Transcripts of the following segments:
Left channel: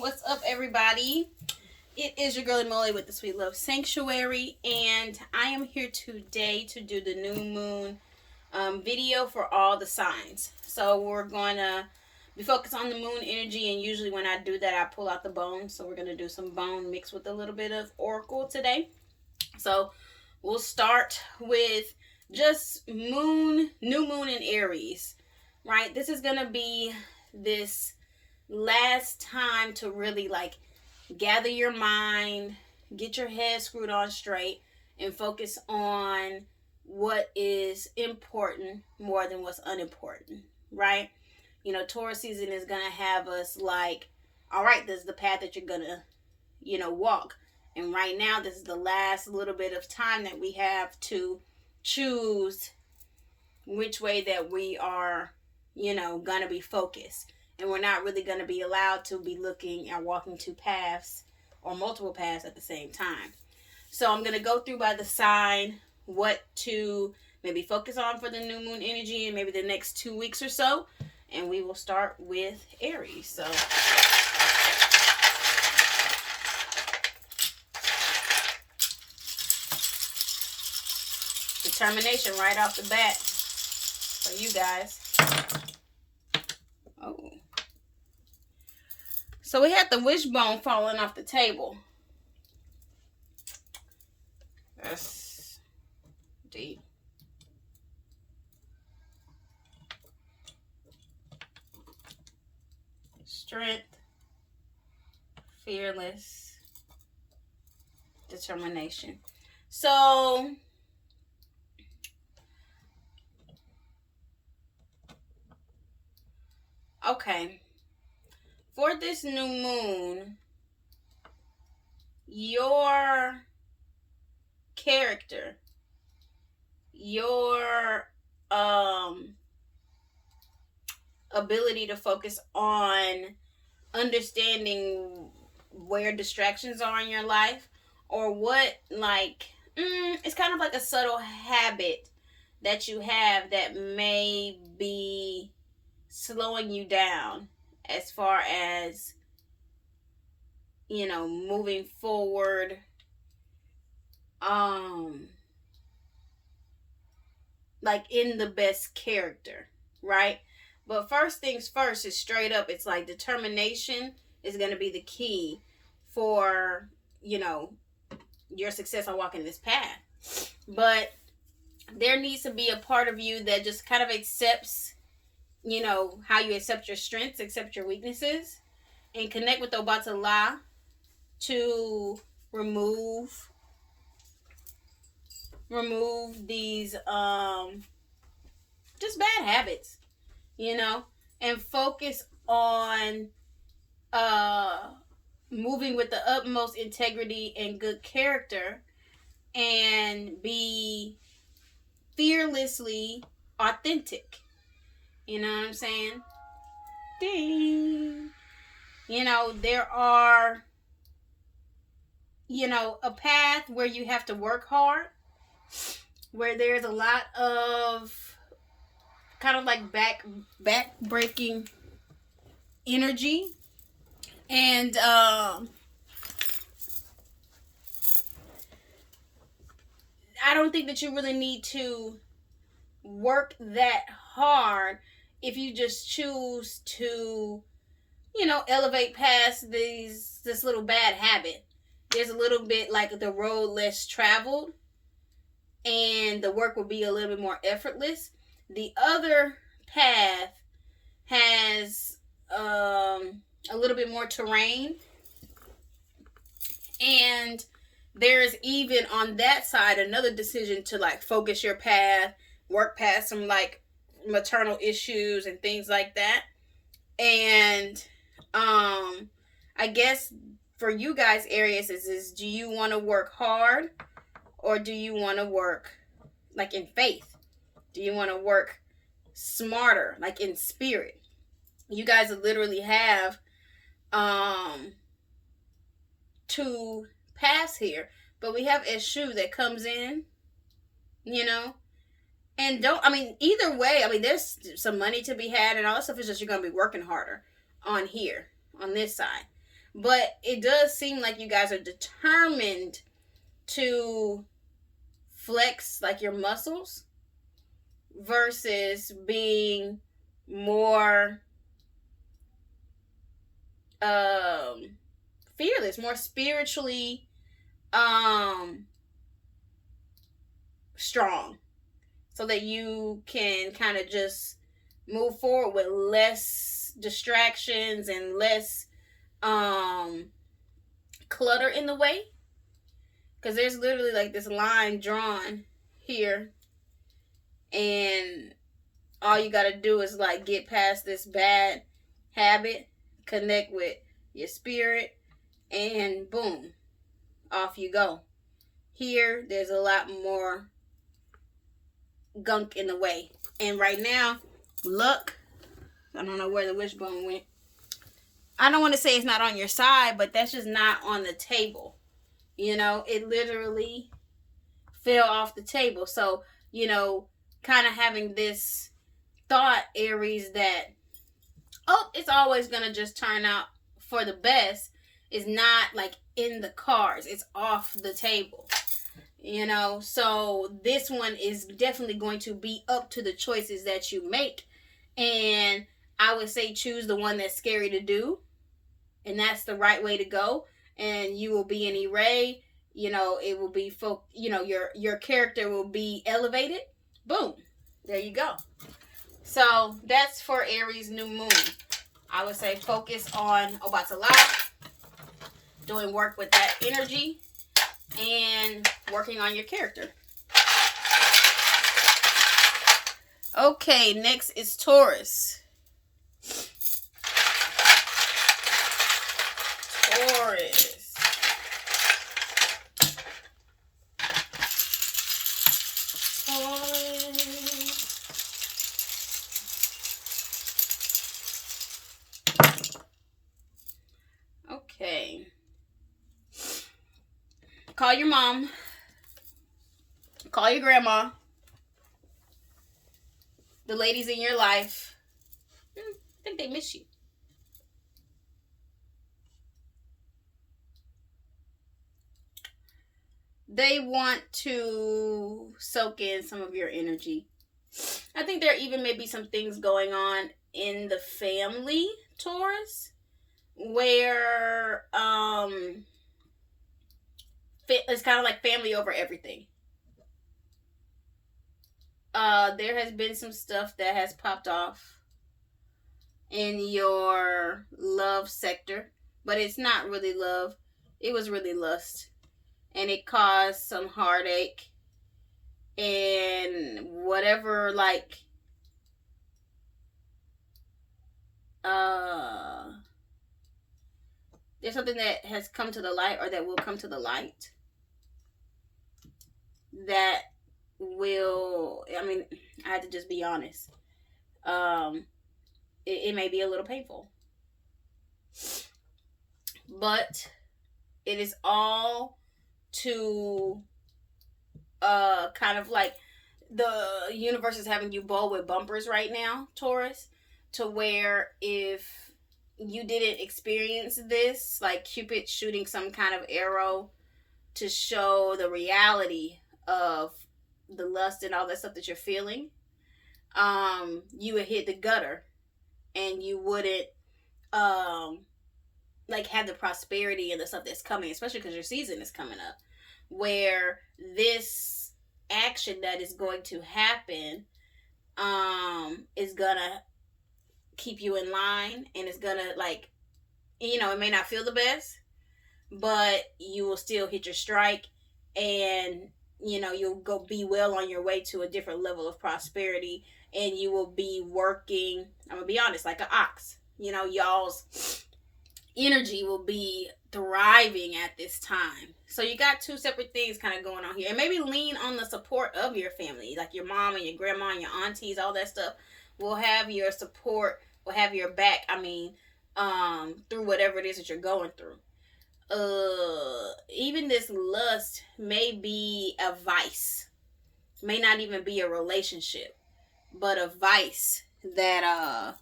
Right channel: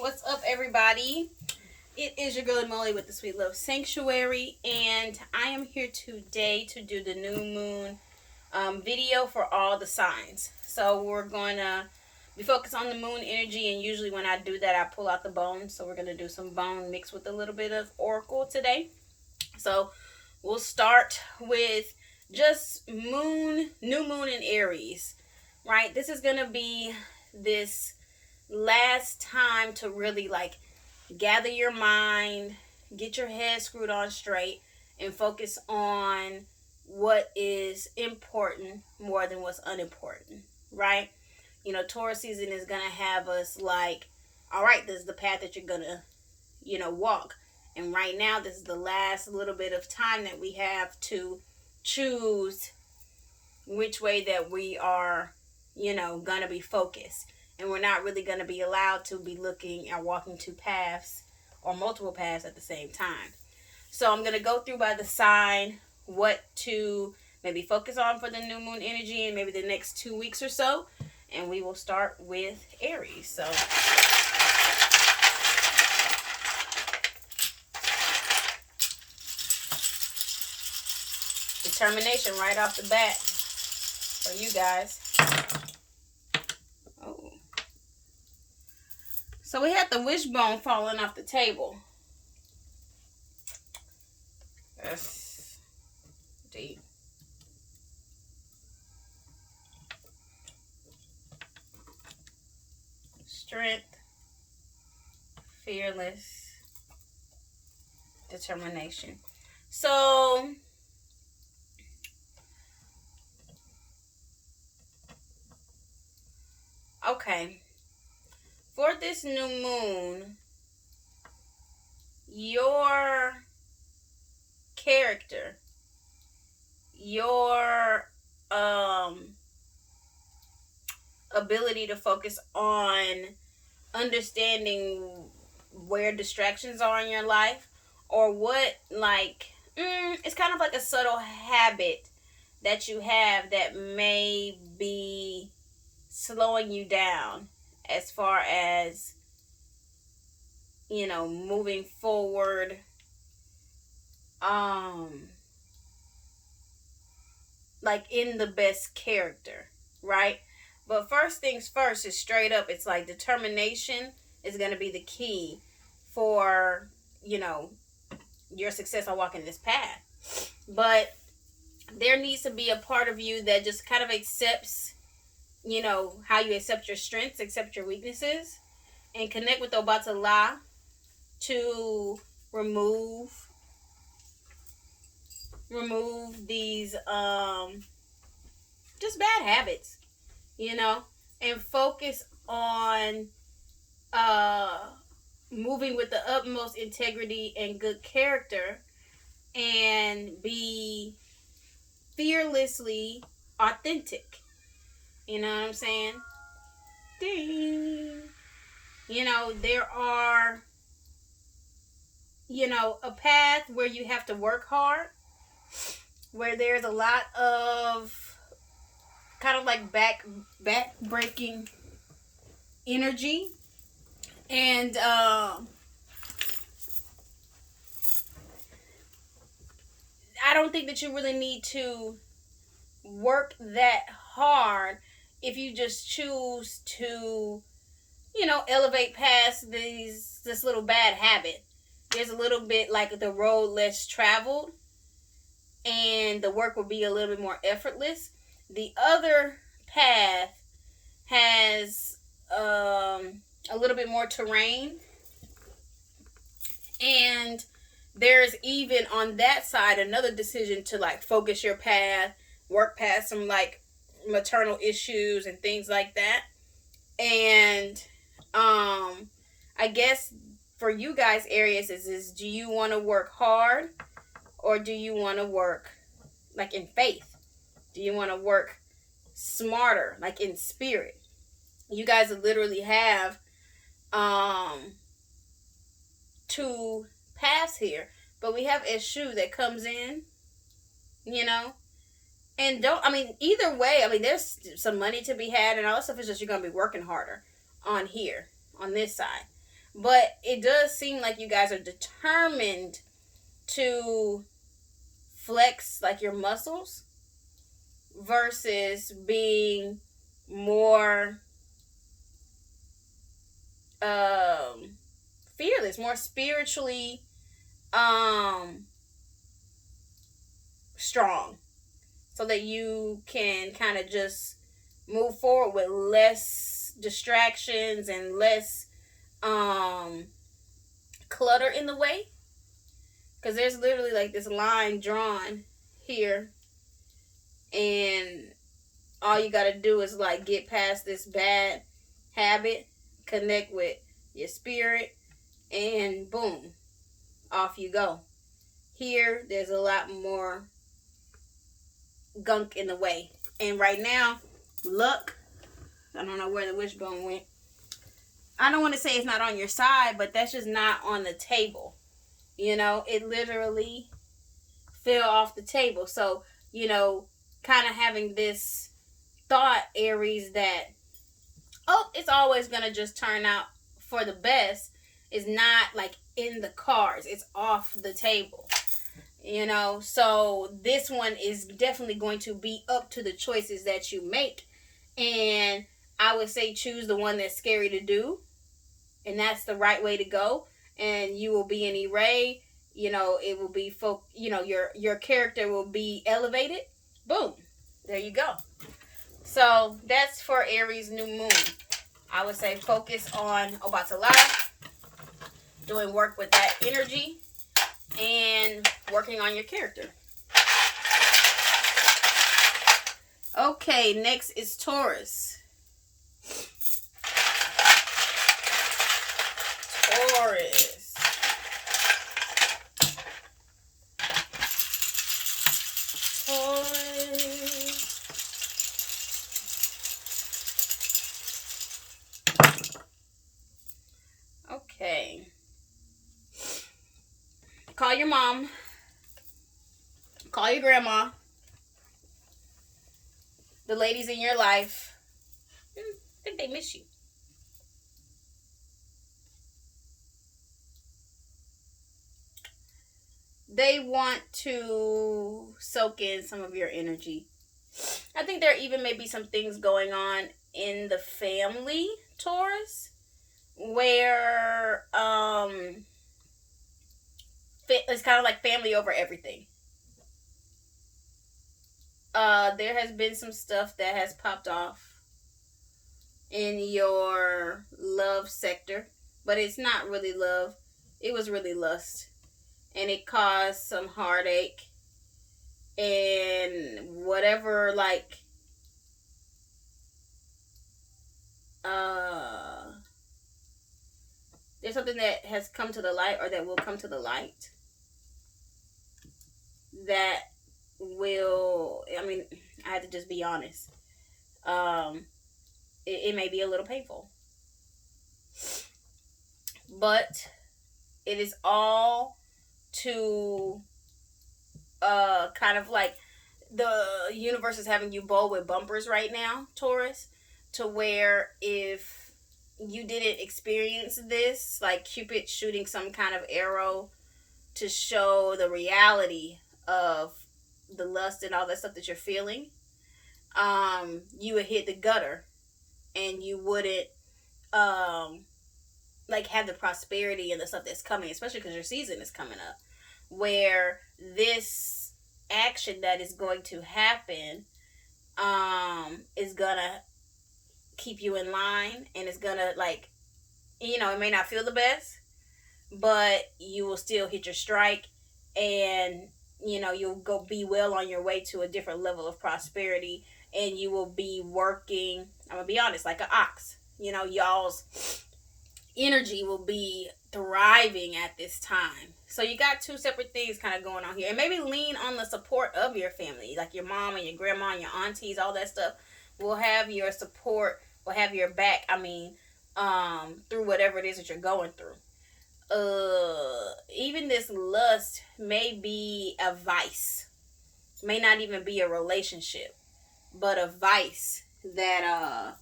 What's up, everybody? It is your girl Imole with the Sweet Love Sanctuary, and I am here today to do the new moon video for all the signs. So we're going to be focused on the moon energy, and usually when I do that, I pull out the bone. So we're going to do some bone mixed with a little bit of oracle today. So we'll start with just new moon in Aries, right? This is going to be this last time to really gather your mind, get your head screwed on straight, and focus on what is important more than what's unimportant, right? You know, Taurus season is going to have us all right, this is the path that you're going to, walk. And right now, this is the last little bit of time that we have to choose which way that we are, going to be focused. And we're not really going to be allowed to be looking and walking two paths or multiple paths at the same time. So I'm going to go through by the sign what to maybe focus on for the new moon energy in maybe the next 2 weeks or so. And we will start with Aries. So determination right off the bat for you guys. Oh. So we had the wishbone falling off the table. That's deep. Strength, fearless, determination. So okay. For this new moon, your character, your ability to focus on understanding where distractions are in your life, or what it's kind of like a subtle habit that you have that may be slowing you down as far as moving forward, in the best character, right? But first things first is straight up, it's like determination is going to be the key for your success on walking this path. But there needs to be a part of you that just kind of accepts how you accept your strengths, accept your weaknesses, and connect with Obatala to remove these just bad habits, and focus on moving with the utmost integrity and good character, and be fearlessly authentic. You know what I'm saying? Ding. There are, a path where you have to work hard, where there's a lot of kind of back-breaking energy. And I don't think that you really need to work that hard if you just choose to, elevate past this little bad habit. There's a little bit like the road less traveled, and the work will be a little bit more effortless. The other path has a little bit more terrain, and there's even on that side another decision to focus your path, work past some maternal issues and things like that. And I guess for you guys, Aries, is do you want to work hard, or do you want to work in faith? Do you want to work smarter, in spirit? You guys literally have two paths here, but we have Eshu that comes in, and either way, there's some money to be had and all that stuff. Is just you're going to be working harder on here, on this side. But it does seem like you guys are determined to flex like your muscles versus being more fearless, more spiritually strong, so that you can kind of just move forward with less distractions and less clutter in the way. Because there's literally like this line drawn here, and all you got to do is like get past this bad habit, connect with your spirit, and boom, off you go. Here, there's a lot more gunk in the way. And right now, luck, I don't know where the wishbone went. I don't want to say it's not on your side, but that's just not on the table. You know, it literally fell off the table. So, you know, kind of having this thought, Aries, that, oh, it's always going to just turn out for the best is not like in the cards. It's off the table. You know, so this one is definitely going to be up to the choices that you make. And I would say choose the one that's scary to do. And that's the right way to go. And you will be an array. You know, it will be, you know, your character will be elevated. Boom. There you go. So that's for Aries new moon. I would say focus on Obatala, doing work with that energy, and working on your character. Okay, next is Taurus. Taurus. Okay. Call your mom. Call your grandma. The ladies in your life. I think they miss you. They want to soak in some of your energy. I think there even may be some things going on in the family, Taurus, where it's kind of like family over everything. There has been some stuff that has popped off in your love sector, but it's not really love. It was really lust, and it caused some heartache and whatever, like there's something that has come to the light, or that will come to the light, that will, I mean, I have to just be honest. It may be a little painful, but it is all to kind of like the universe is having you bowl with bumpers right now, Taurus, to where if you didn't experience this, like Cupid shooting some kind of arrow to show the reality of the lust and all that stuff that you're feeling, you would hit the gutter, and you wouldn't like have the prosperity and the stuff that's coming, especially because your season is coming up, where this action that is going to happen is gonna keep you in line, and it's gonna, like, you know, it may not feel the best, but you will still hit your strike, and you know, you'll go be well on your way to a different level of prosperity, and you will be working, I'm gonna be honest, like an ox. You know, y'all's energy will be thriving at this time. So you got two separate things kind of going on here. And maybe lean on the support of your family, like your mom and your grandma and your aunties, all that stuff will have your support, will have your back, I mean, through whatever it is that you're going through. Even this lust may be a vice, may not even be a relationship, but a vice that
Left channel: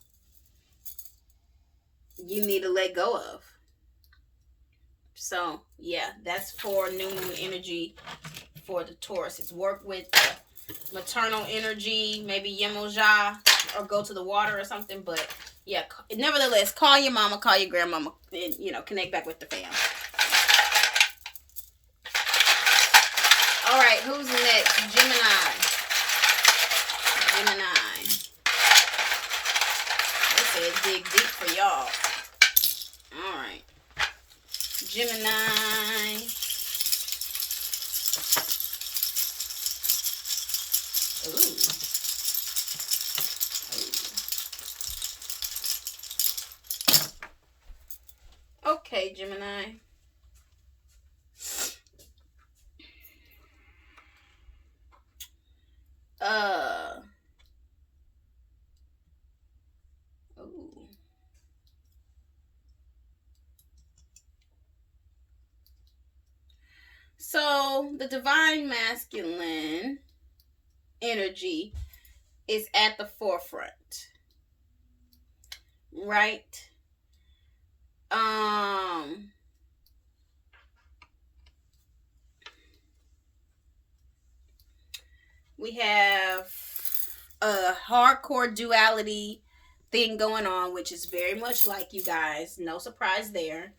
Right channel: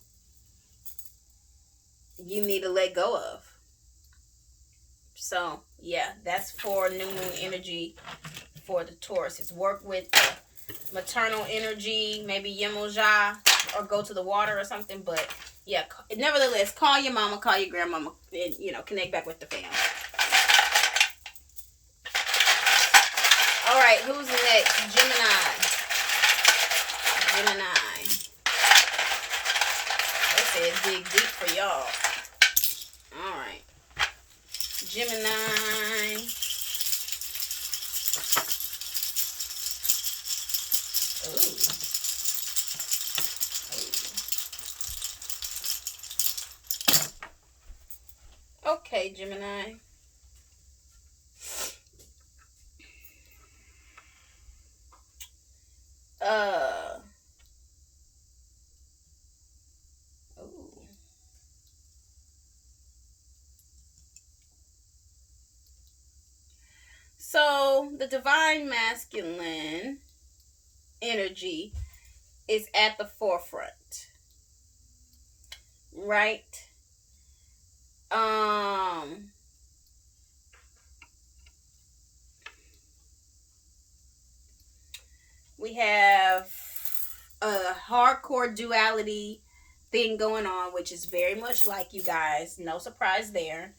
you need to let go of. So, yeah, that's for new moon energy for the Taurus. It's work with the maternal energy, maybe Yemoja, or go to the water or something. But, yeah, nevertheless, call your mama, call your grandmama, and, you know, connect back with the family. All right, who's next? Gemini. They said dig deep for y'all. All right. Gemini. Ooh. Okay, Gemini. So the divine masculine energy is at the forefront, right? We have a hardcore duality thing going on, which is very much like you guys. No surprise there.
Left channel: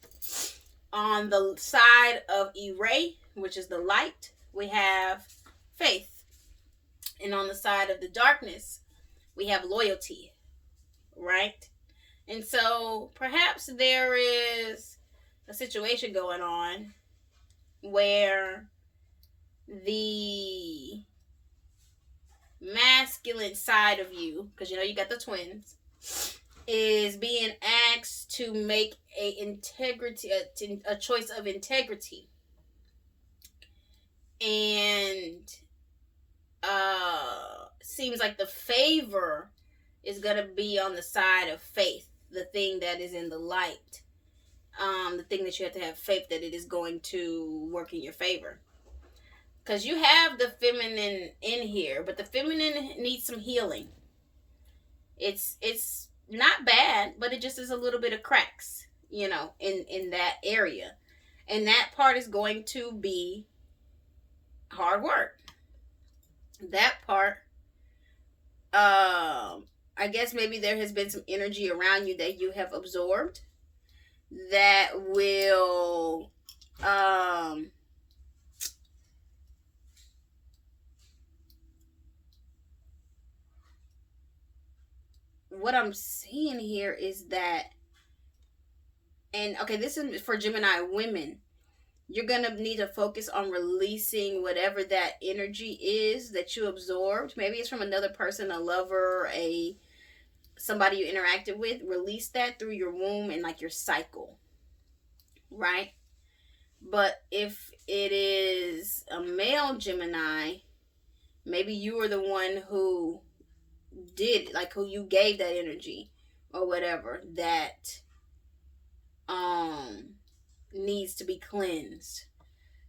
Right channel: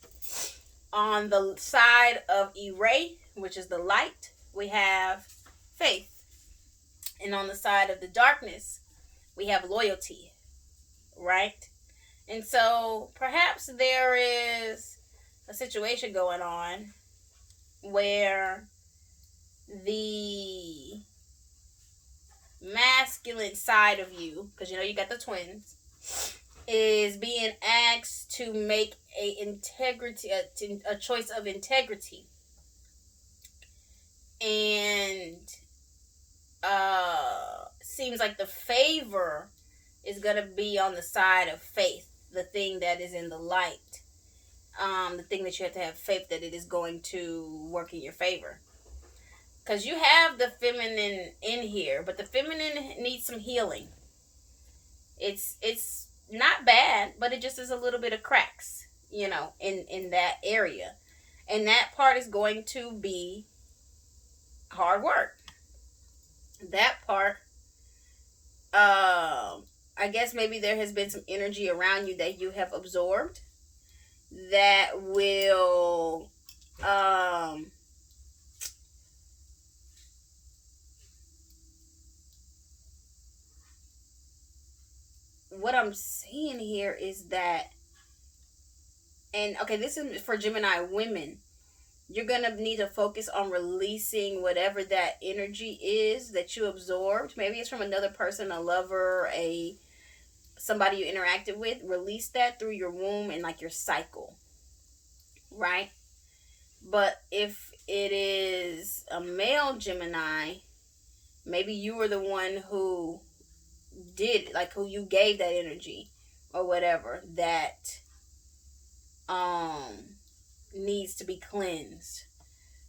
On the side of Ire, which is the light, we have faith. And on the side of the darkness, we have loyalty, right? And so perhaps there is a situation going on where the masculine side of you, because you know you got the twins, is being asked to make a choice of integrity, and seems like the favor is gonna be on the side of faith, the thing that is in the light, the thing that you have to have faith that it is going to work in your favor. Because you have the feminine in here, but the feminine needs some healing. It's not bad, but it just is a little bit of cracks, you know, in that area. And that part is going to be hard work. That part, I guess maybe there has been some energy around you that you have absorbed that will, what I'm seeing here is that, and okay, this is for Gemini women. You're going to need to focus on releasing whatever that energy is that you absorbed. Maybe it's from another person, a lover, somebody you interacted with. Release that through your womb and like your cycle, right? But if it is a male Gemini, maybe you were the one who did, like, who you gave that energy or whatever that needs to be cleansed.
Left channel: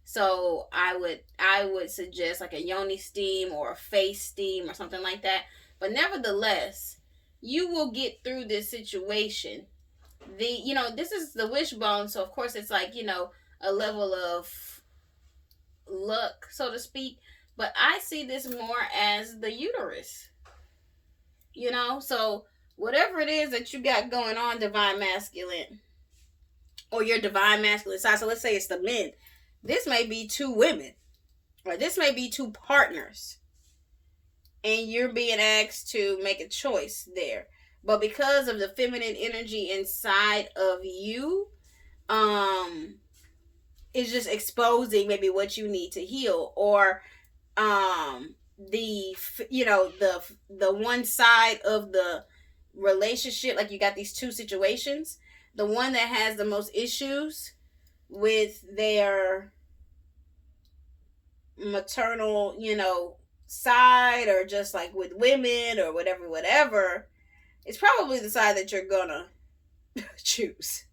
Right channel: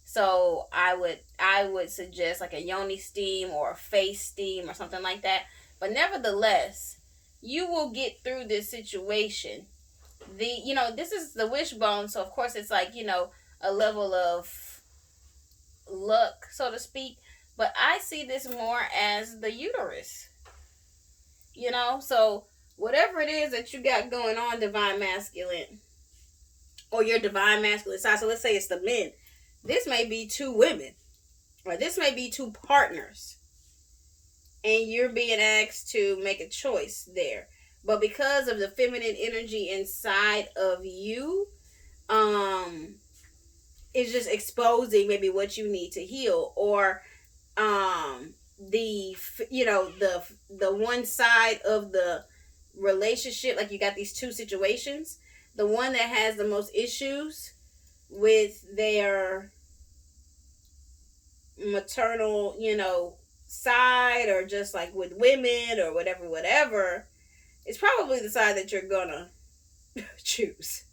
So I would suggest like a yoni steam or a face steam or something like that. But nevertheless, you will get through this situation. This is the wishbone, so of course it's like, a level of luck, so to speak. But I see this more as the uterus. So whatever it is that you got going on, divine masculine, or your divine masculine side. So let's say it's the men. This may be two women, or this may be two partners, and you're being asked to make a choice there. But because of the feminine energy inside of you, it's just exposing maybe what you need to heal, or the one side of the relationship, like you got these two situations. The one that has the most issues with their maternal, side, or just like with women or whatever, it's probably the side that you're gonna choose.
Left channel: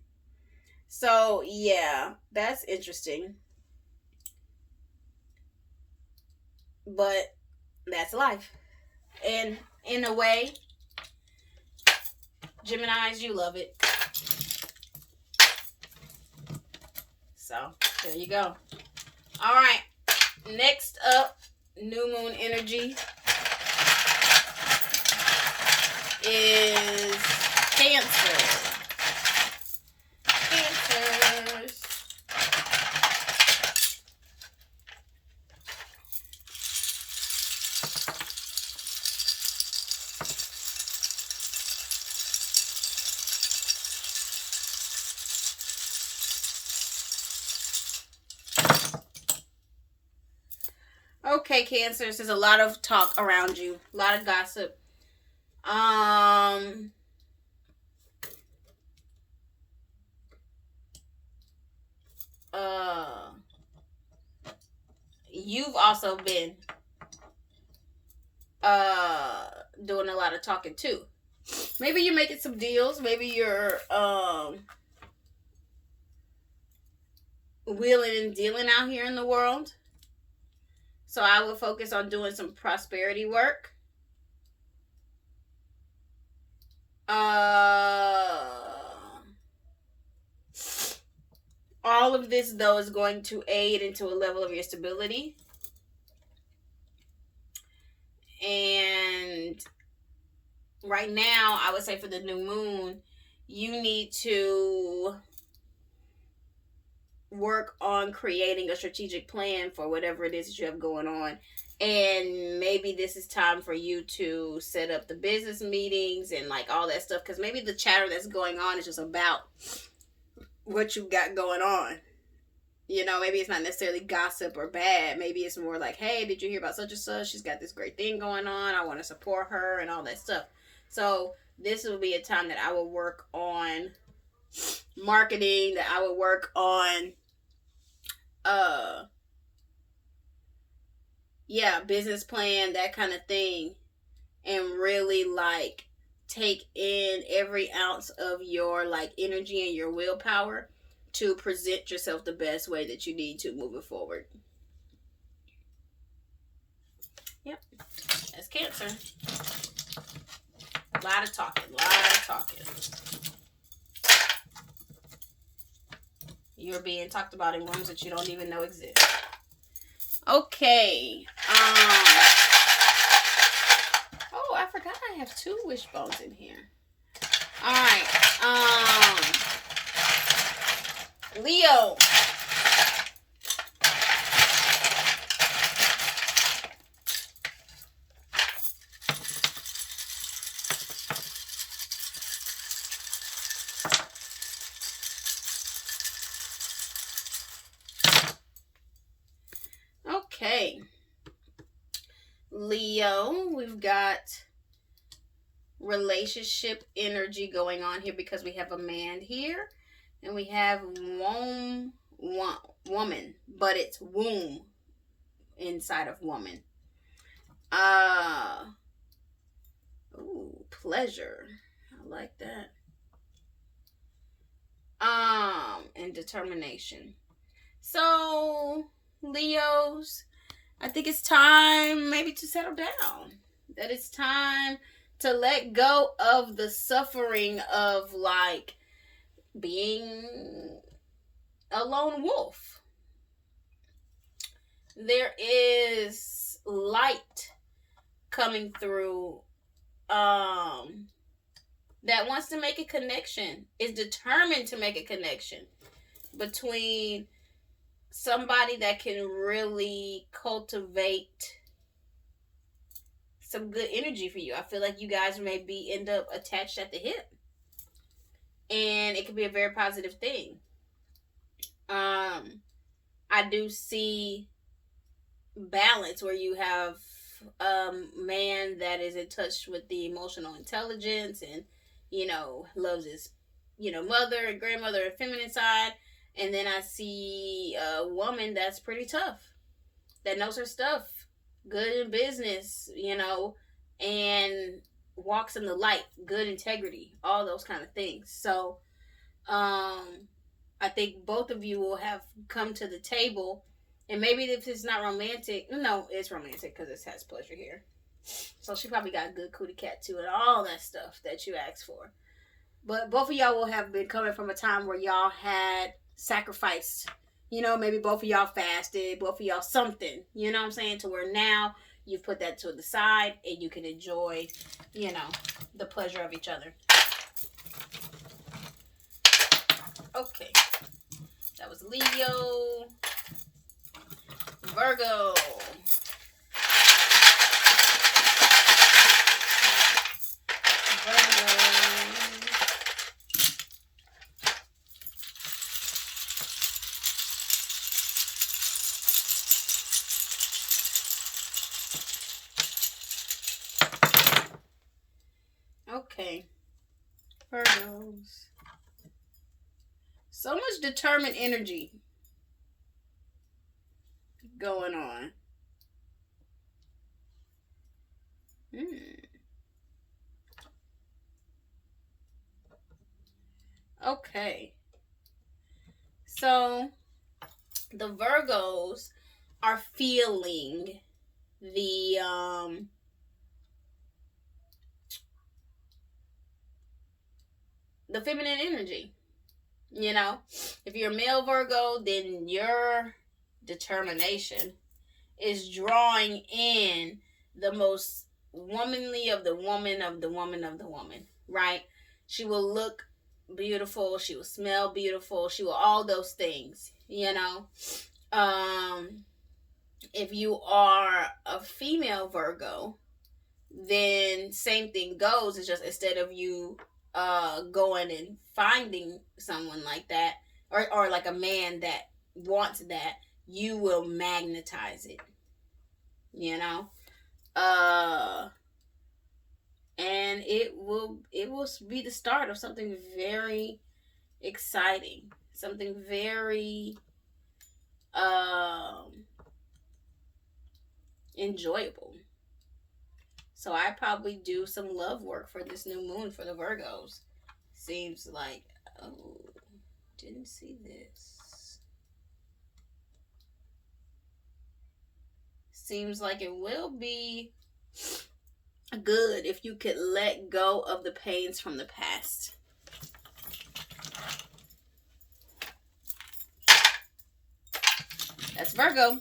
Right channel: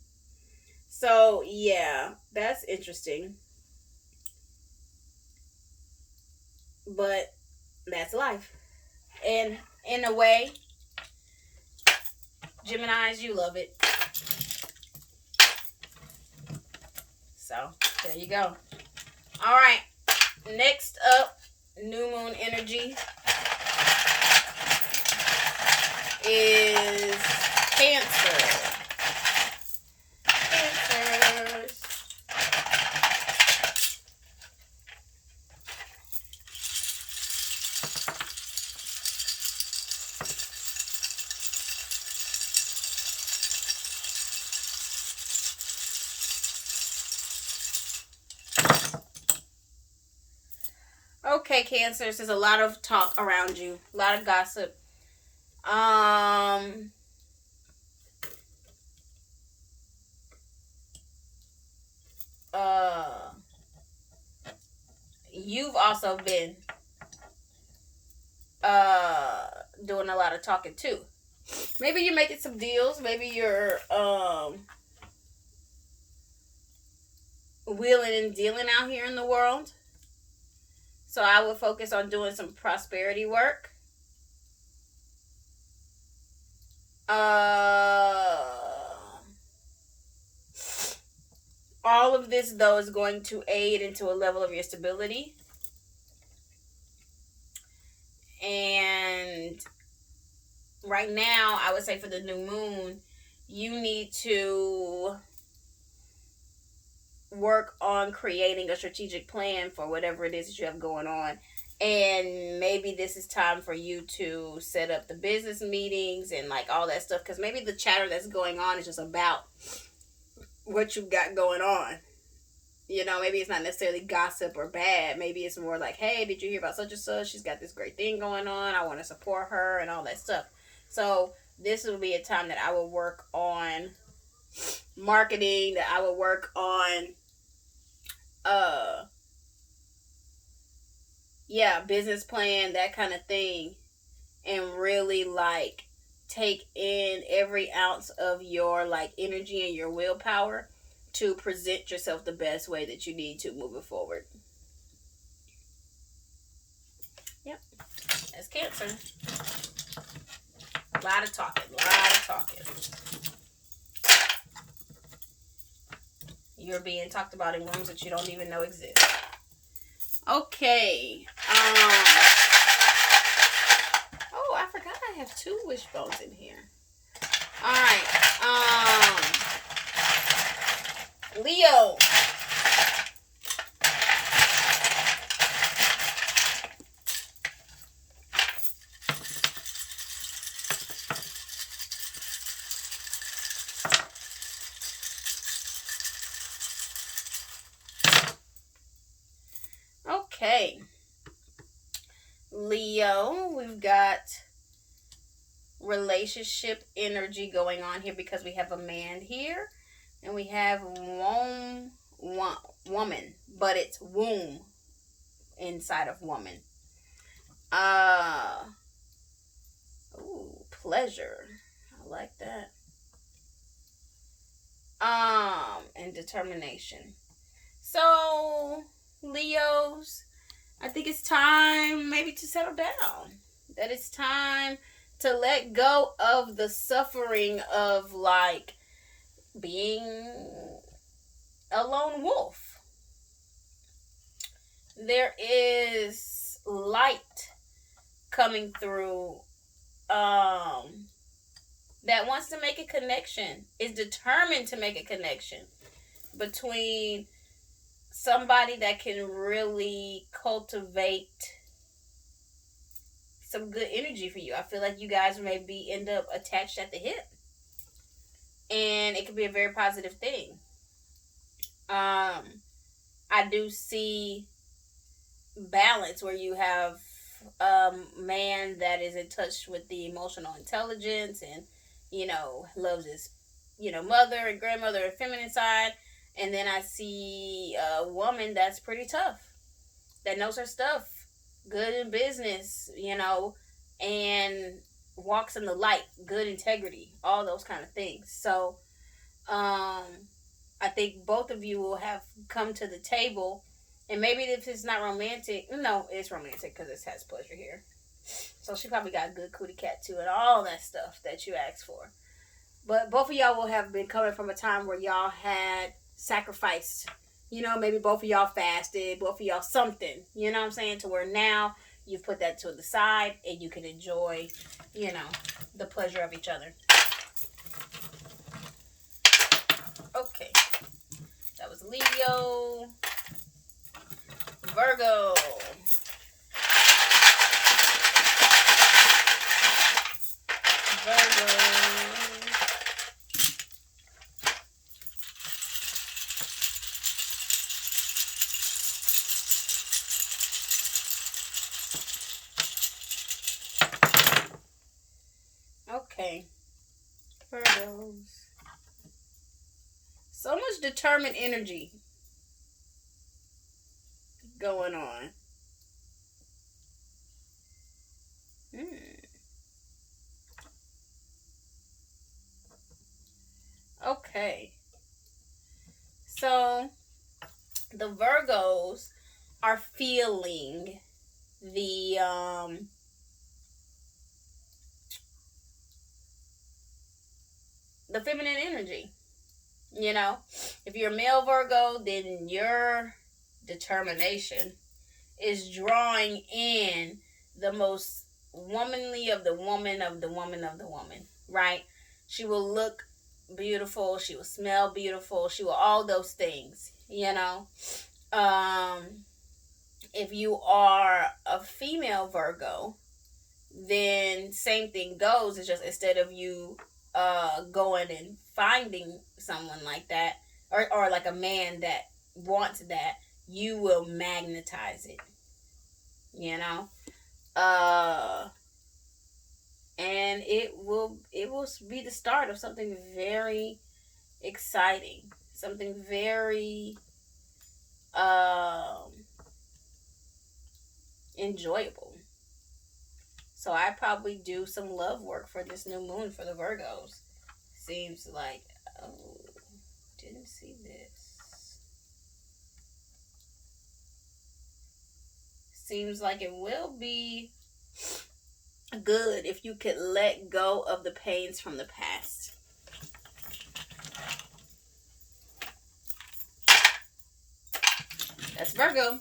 So yeah, that's interesting. But that's life. And in a way, Geminis, you love it. So So, there you go. All right. Next up, new moon energy is Cancer. Cancers. Okay, Cancers, there's a lot of talk around you, a lot of gossip. You've also been doing a lot of talking too. Maybe you're making some deals. Maybe you're wheeling and dealing out here in the world. So I would focus on doing some prosperity work. All of this, though, is going to aid into a level of your stability. And right now, I would say for the new moon, you need to work on creating a strategic plan for whatever it is that you have going on. And maybe this is time for you to set up the business meetings and like all that stuff, because maybe the chatter that's going on is just about what you've got going on. You know, maybe it's not necessarily gossip or bad. Maybe it's more like, hey, did you hear about such and such? She's got this great thing going on. I want to support her and all that stuff. So this will be a time that I will work on marketing, that I will work on business plan, that kind of thing, and really like take in every ounce of your like energy and your willpower to present yourself the best way that you need to moving forward. Yep, that's Cancer. A lot of talking. You're being talked about in rooms that you don't even know exist. Okay. Oh, I forgot I have 2 wishbones in here. All right. Leo. Okay. Leo, we've got relationship energy going on here because we have a man here and we have woman, but it's womb inside of woman. Ooh, pleasure. I like that. And determination. So, Leos, I think it's time maybe to settle down. That it's time to let go of the suffering of like being a lone wolf. There is light coming through that wants to make a connection, is determined to make a connection between somebody that can really cultivate some good energy for you. I feel like you guys may end up attached at the hip, and it could be a very positive thing. I do see balance where you have a man that is in touch with the emotional intelligence and, you know, loves his, you know, mother and grandmother and feminine side. And then I see a woman that's pretty tough, that knows her stuff, good in business, you know, and walks in the light, good integrity, all those kind of things. So, I think both of you will have come to the table, and maybe if it's not romantic, no, it's romantic because it has pleasure here. So she probably got a good cootie cat too, and all that stuff that you asked for. But both of y'all will have been coming from a time where y'all had sacrificed You know, maybe both of y'all fasted, both of y'all something. You know what I'm saying? To where now you've put that to the side and you can enjoy, you know, the pleasure of each other. Okay. That was Leo. Virgo. Okay. Virgos. So much determined energy going on. Okay. So the Virgos are feeling the feminine energy. You know, if you're a male Virgo, then your determination is drawing in the most womanly of the woman of the woman of the woman, right? She will look beautiful, she will smell beautiful, she will all those things, you know. If you are a female Virgo, then same thing goes. It's just instead of you going and finding someone like that, or like a man that wants that, you will magnetize it, you know. And it will be the start of something very exciting, something very enjoyable. So I probably do some love work for this new moon for the Virgos. Seems like, oh, didn't see this. Seems like it will be good if you could let go of the pains from the past. That's Virgo.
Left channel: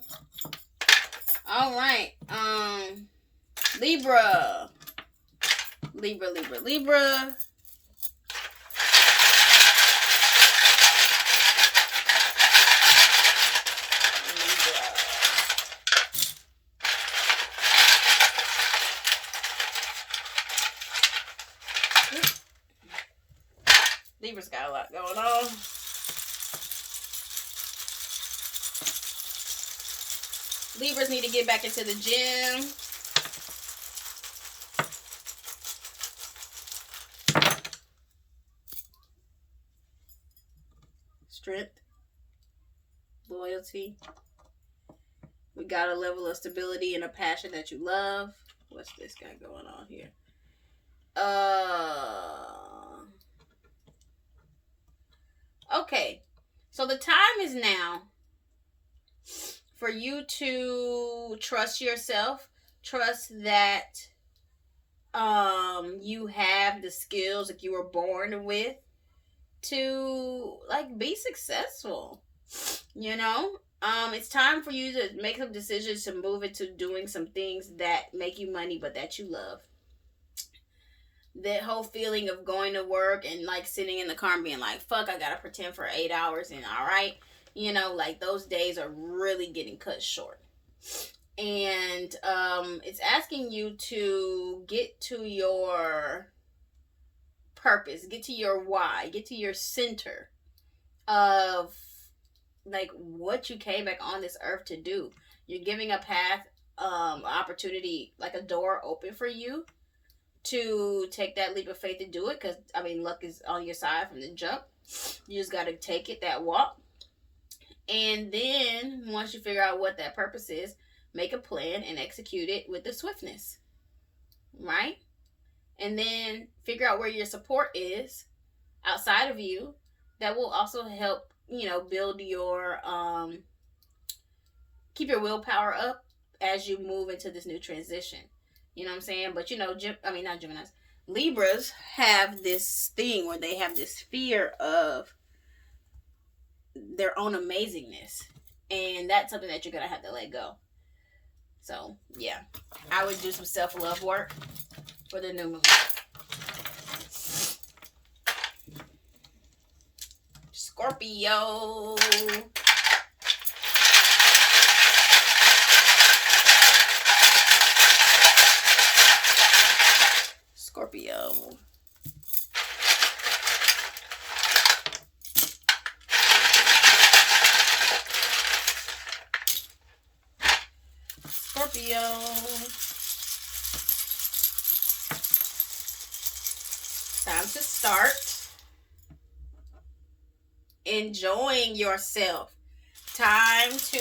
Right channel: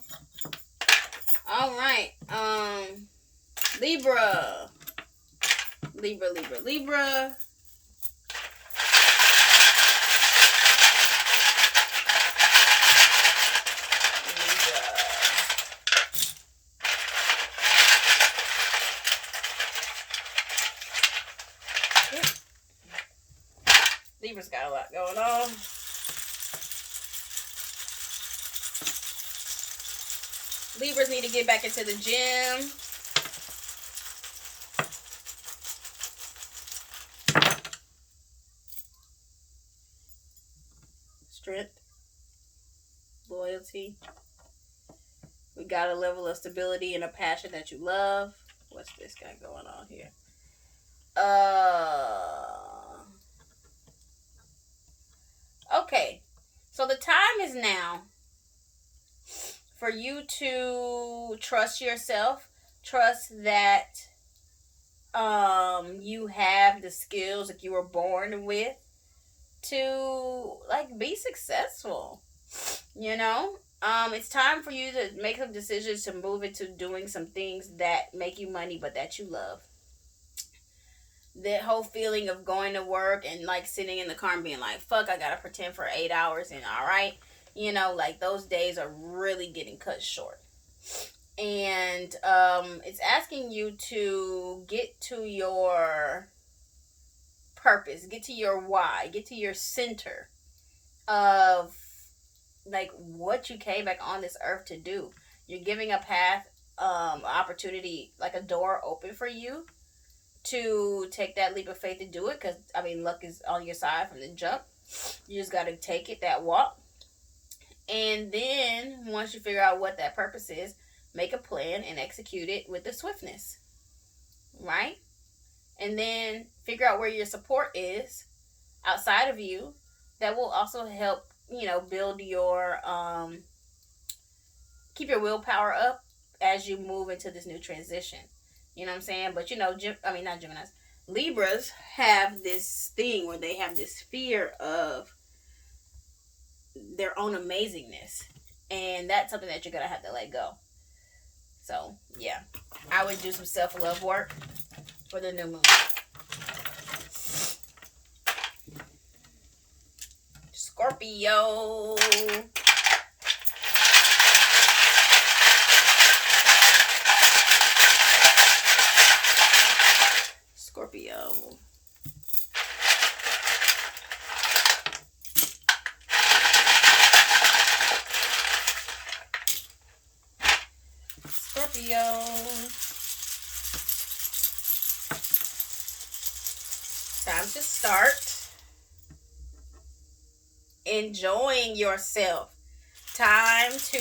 All right. Libra. Libra. Libra's got a lot going on. Libras need to get back into the gym. Strength. Loyalty. We got a level of stability and a passion that you love. What's this guy going on here? Okay. So the time is now for you to trust yourself. Trust that you have the skills that you were born with to like be successful. You know? It's time for you to make some decisions to move into doing some things that make you money but that you love. That whole feeling of going to work and like sitting in the car and being like, fuck, I gotta pretend for 8 hours and alright. You know, like those days are really getting cut short. And it's asking you to get to your purpose, get to your why, get to your center of like what you came back on this earth to do. You're giving a path, opportunity, like a door open for you to take that leap of faith to do it, because I mean luck is on your side from the jump. You just got to take it, that walk, and then once you figure out what that purpose is, make a plan and execute it with the swiftness, right? And then figure out where your support is outside of you that will also help, you know, build your keep your willpower up as you move into this new transition. You know what I'm saying? But you know, not Geminis. Libras have this thing where they have this fear of their own amazingness. And that's something that you're going to have to let go. So, yeah. I would do some self-love work for the new moon. Scorpio. Scorpio. Scorpio. Time to start enjoying yourself. Time to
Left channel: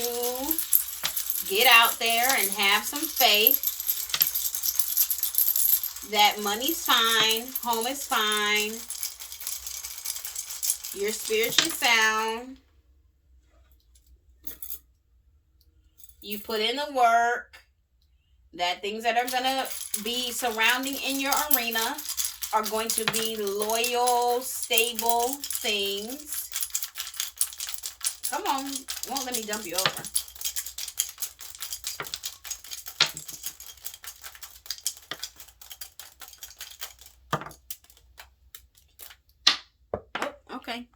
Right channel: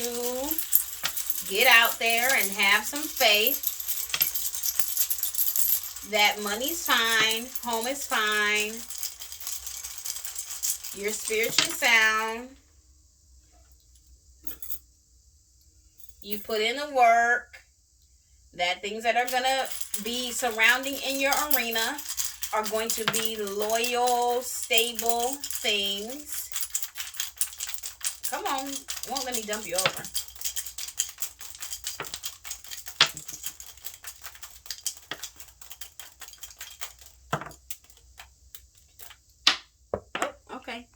get out there and have some faith that money's fine, home is fine, you're spiritually sound, you put in the work, that things that are going to be surrounding in your arena are going to be loyal, stable things. Come on, won't let me dump you over. Oh, okay.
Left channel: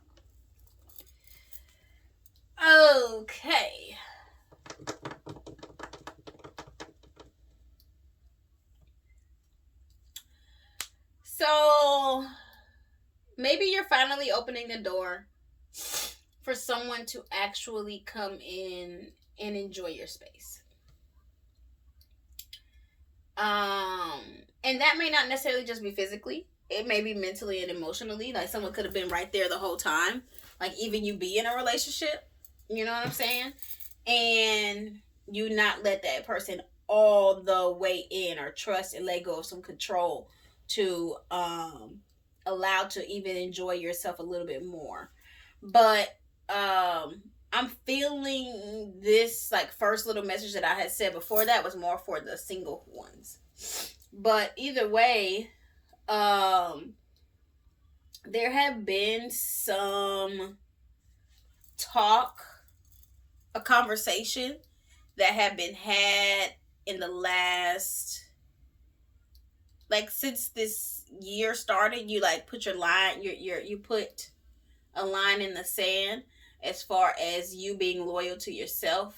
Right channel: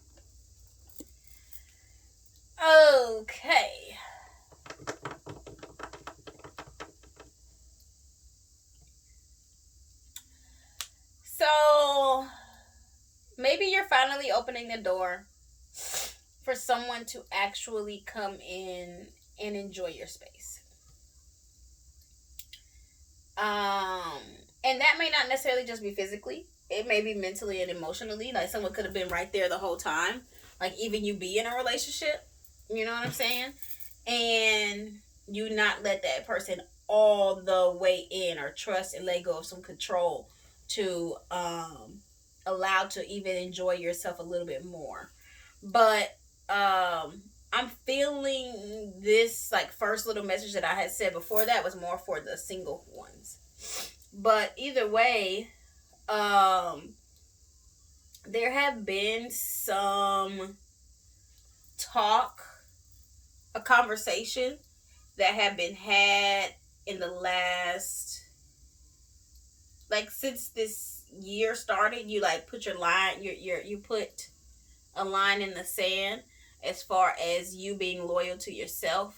Okay. So, maybe you're finally opening the door for someone to actually come in and enjoy your space. And that may not necessarily just be physically. It may be mentally and emotionally. Like someone could have been right there the whole time. Like even you be in a relationship. You know what I'm saying? And you not let that person all the way in or trust and let go of some control to allow to even enjoy yourself a little bit more. But I'm feeling this like first little message that I had said before that was more for the single ones. But either way, there have been some talk, a conversation that have been had in the last, like since this year started. You like put your line, you put a line in the sand as far as you being loyal to yourself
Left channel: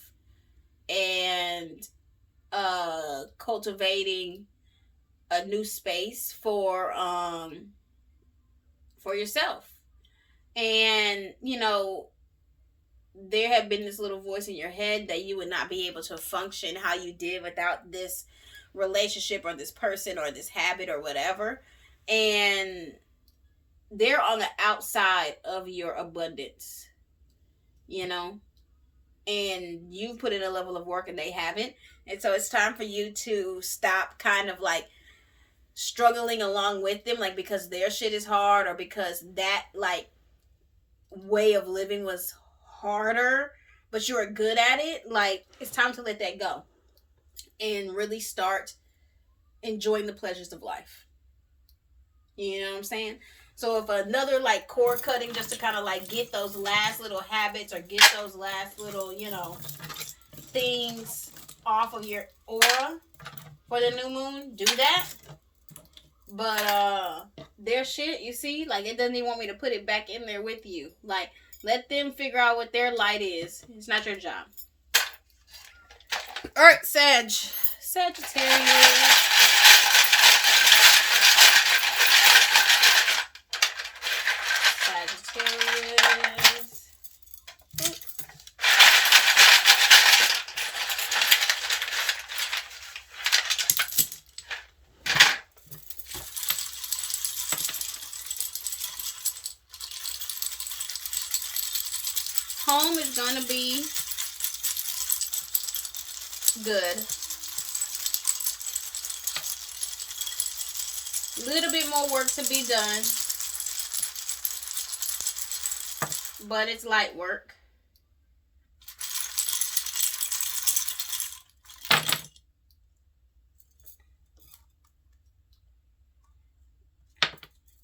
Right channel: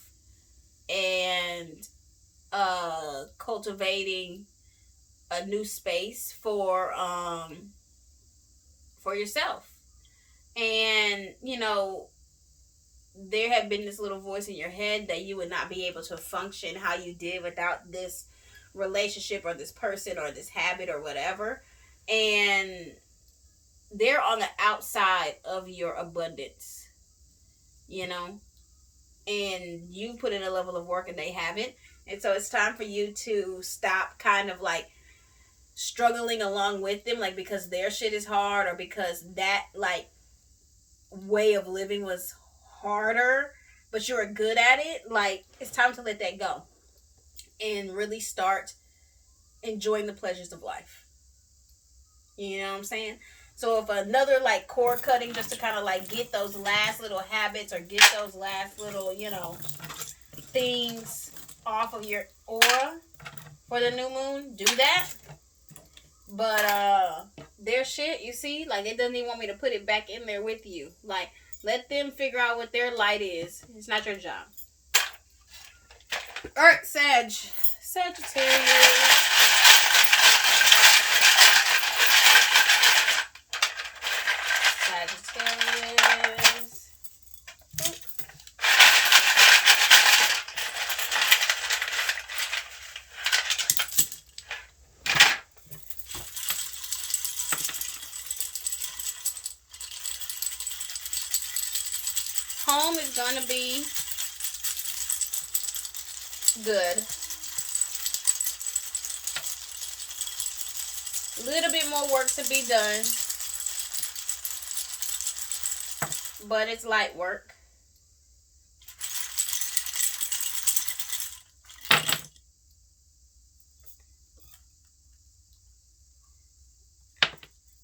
and cultivating a new space for yourself. And you know, there had been this little voice in your head that you would not be able to function how you did without this relationship or this person or this habit or whatever. And they're on the outside of your abundance, you know, and you put in a level of work and they haven't. And so it's time for you to stop kind of like struggling along with them, like because their shit is hard or because that like way of living was harder, but you're good at it. Like it's time to let that go and really start enjoying the pleasures of life. You know what I'm saying? So if another like cord cutting just to kind of like get those last little habits or get those last little, you know, things off of your aura for the new moon, do that. But their shit, you see, like it doesn't even want me to put it back in there with you. Like let them figure out what their light is. It's not your job. All right, Sagittarius. Sagittarius. Home is going to be good. A little bit more work to be done, but it's light work.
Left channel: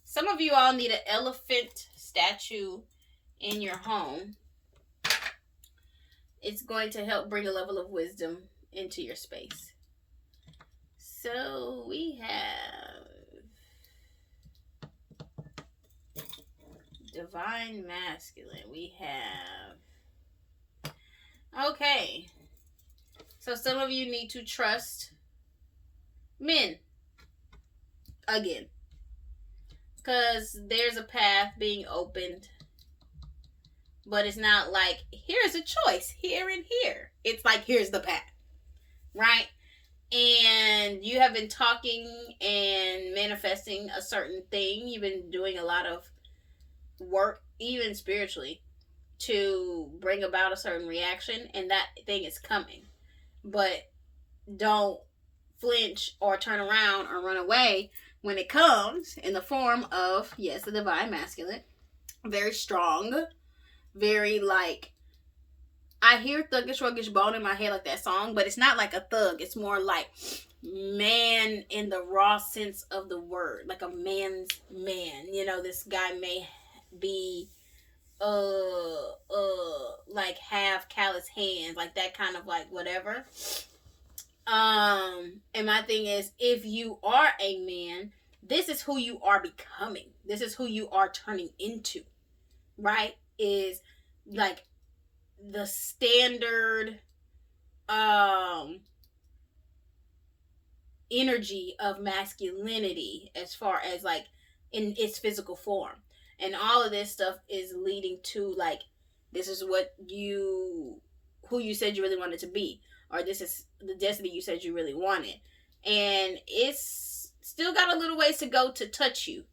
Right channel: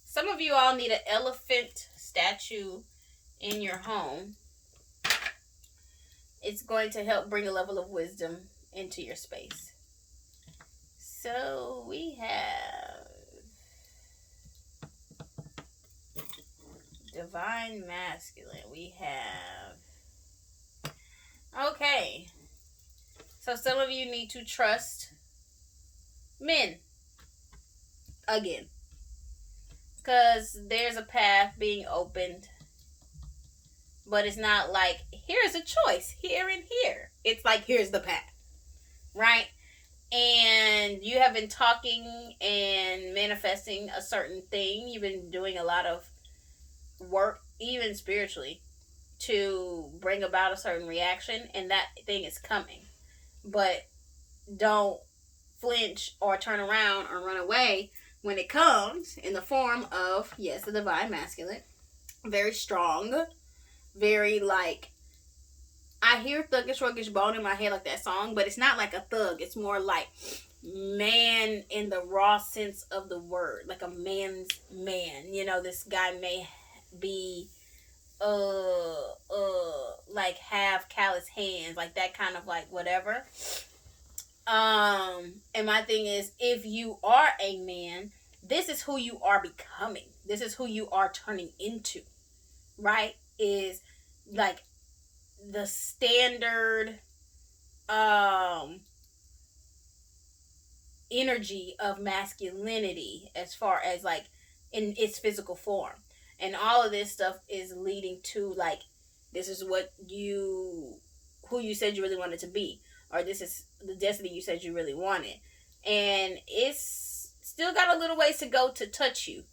Some of you all need an elephant statue in your home. It's going to help bring a level of wisdom into your space. So we have Divine Masculine. We have... Okay. So some of you need to trust men. Again. Because there's a path being opened. But it's not like, here's a choice, here and here. It's like, here's the path. Right? And you have been talking and manifesting a certain thing. You've been doing a lot of work, even spiritually, to bring about a certain reaction. And that thing is coming. But don't flinch or turn around or run away when it comes in the form of, yes, the Divine Masculine. Very strong. Very like, I hear thuggish ruggish bone in my head like that song, but it's not like a thug. It's more like man in the raw sense of the word, like a man's man. You know, this guy may be like have callous hands, like that kind of like whatever. And my thing is, if you are a man, this is who you are becoming. This is who you are turning into, right? Is like the standard energy of masculinity as far as like in its physical form. And all of this stuff is leading to like, this is what who you said you really wanted to be, or this is the destiny you said you really wanted. And it's still got a little ways to go to touch you,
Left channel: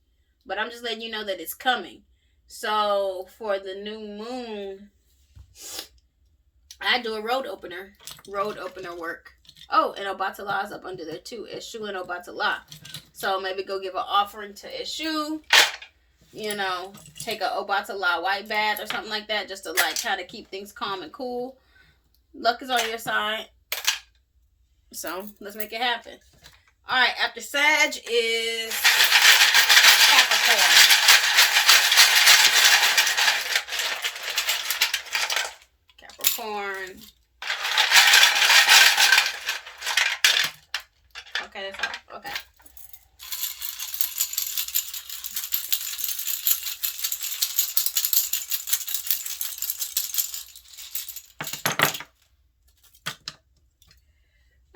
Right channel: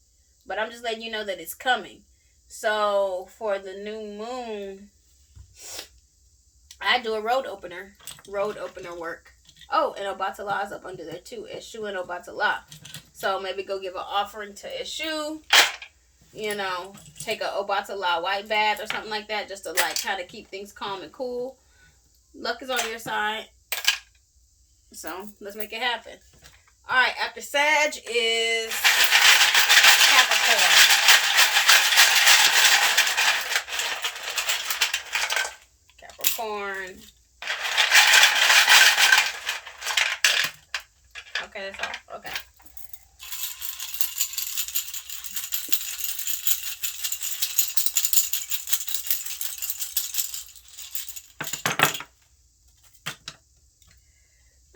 but I'm just letting you know that it's coming. So for the new moon, I do a road opener work. Oh, and Obatala is up under there too. Eshu and Obatala. So maybe go give an offering to Eshu. You know, take a Obatala white bath or something like that, just to like try to keep things calm and cool. Luck is on your side. So let's make it happen. All right, after Sag is Capricorn. Capricorn. Okay, that's all. Okay.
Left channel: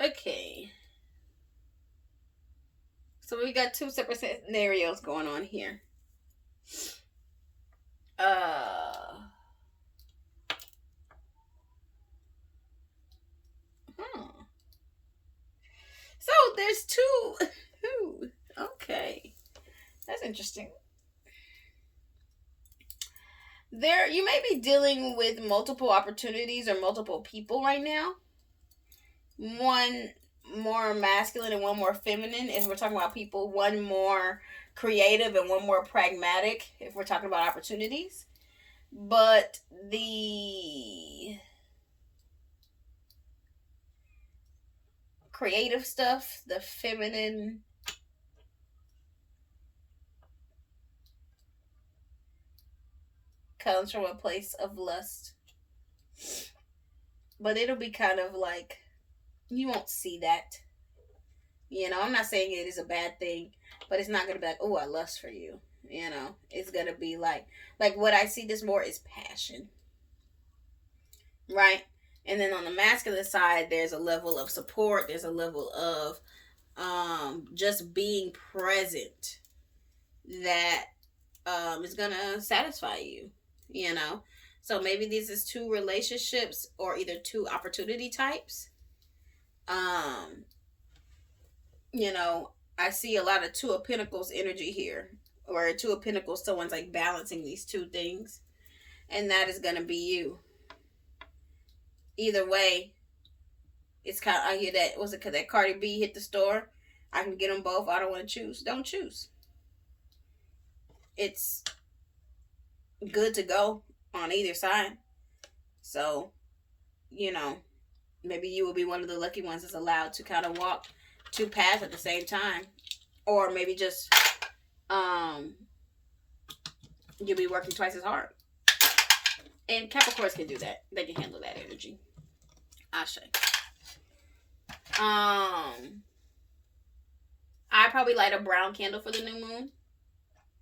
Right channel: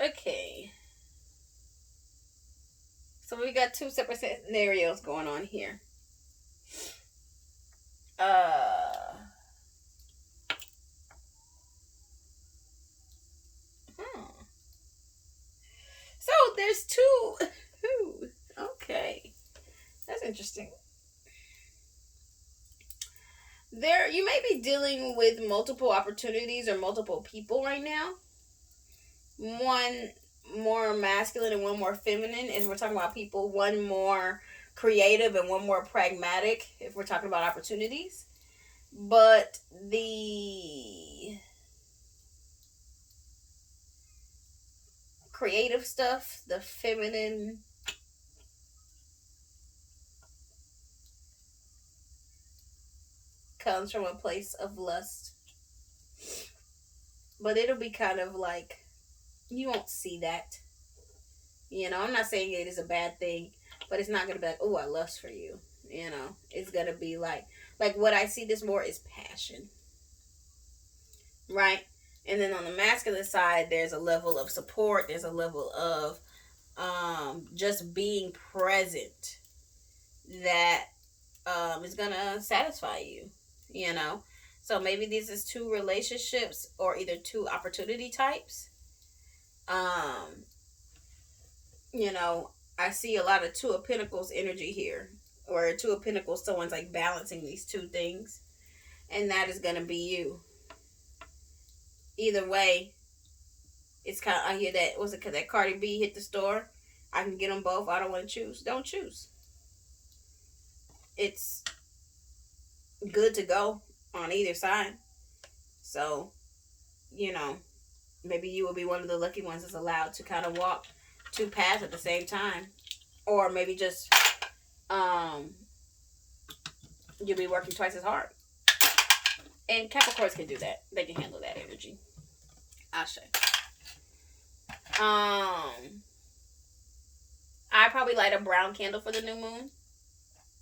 Okay. So we got two separate scenarios going on here. So there's two. Okay. That's interesting. You may be dealing with multiple opportunities or multiple people right now. One more masculine and one more feminine, if we're talking about people. One more creative and one more pragmatic, if we're talking about opportunities. But the creative stuff, the feminine, comes from a place of lust. But it'll be kind of like, you won't see that. You know, I'm not saying it is a bad thing, but it's not going to be like, oh, I lust for you. You know, it's going to be like what I see this more is passion. Right? And then on the masculine side, there's a level of support. There's a level of just being present that is going to satisfy you. You know? So maybe this is two relationships or either two opportunity types. You know, I see a lot of Two of Pentacles energy here. Or Two of Pentacles, someone's like balancing these two things. And that is going to be you. Either way, it's kind of, I hear that, was it because that Cardi B hit the store? I can get them both. I don't want to choose. Don't choose. It's good to go on either side. So, you know, maybe you will be one of the lucky ones that's allowed to kind of walk two paths at the same time. Or maybe just you'll be working twice as hard. And Capricorns can do that. They can handle that energy. Ashe. I probably light a brown candle for the new moon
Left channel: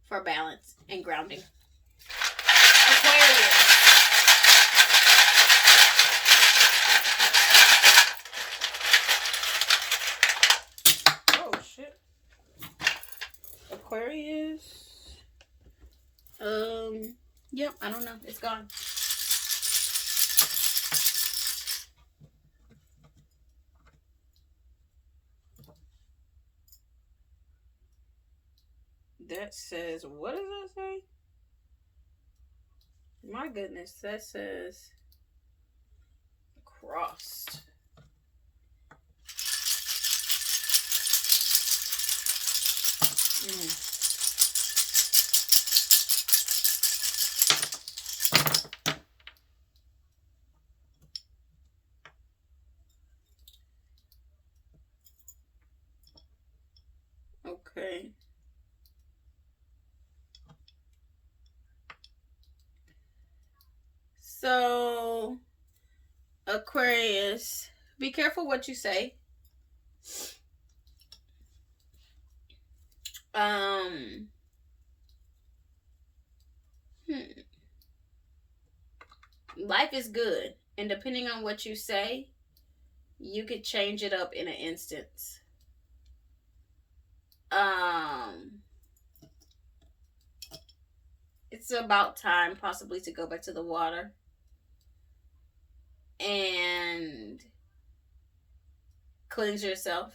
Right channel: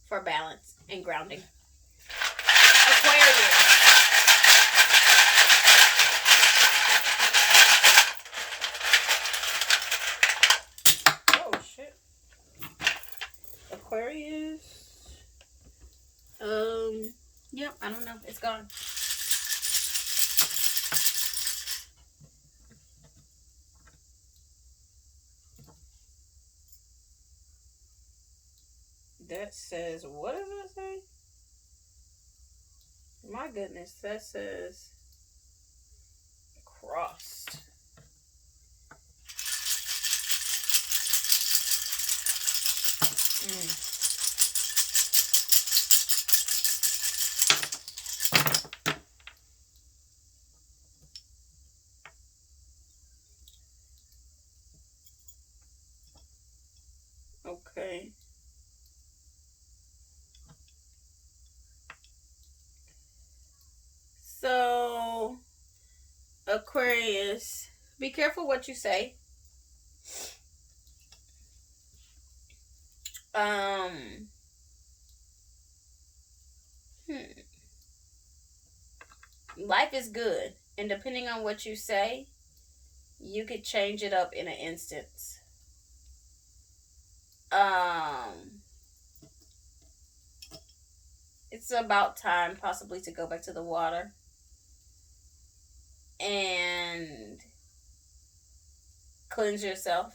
for balance and grounding. Aquarius. Oh shit. Aquarius. Yep, I don't know. It's gone. That says, what does that say? My goodness, that says crossed. Okay. So, Aquarius, be careful what you say. Life is good, and depending on what you say, you could change it up in an instance. It's about time possibly to go back to the water and cleanse yourself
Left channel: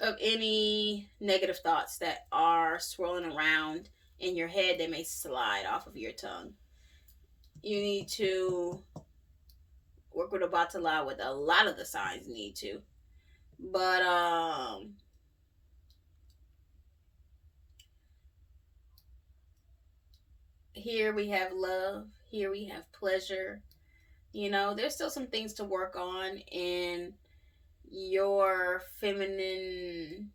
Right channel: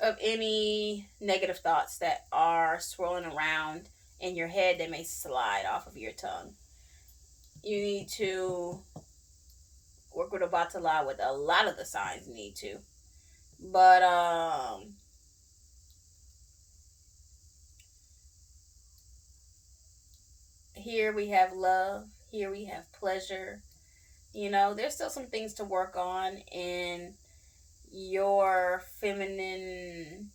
of any negative thoughts that are swirling around in your head that may slide off of your tongue. You need to work with a batala, with a lot of the signs need to. But here we have love, here we have pleasure. You know, there's still some things to work on in your feminine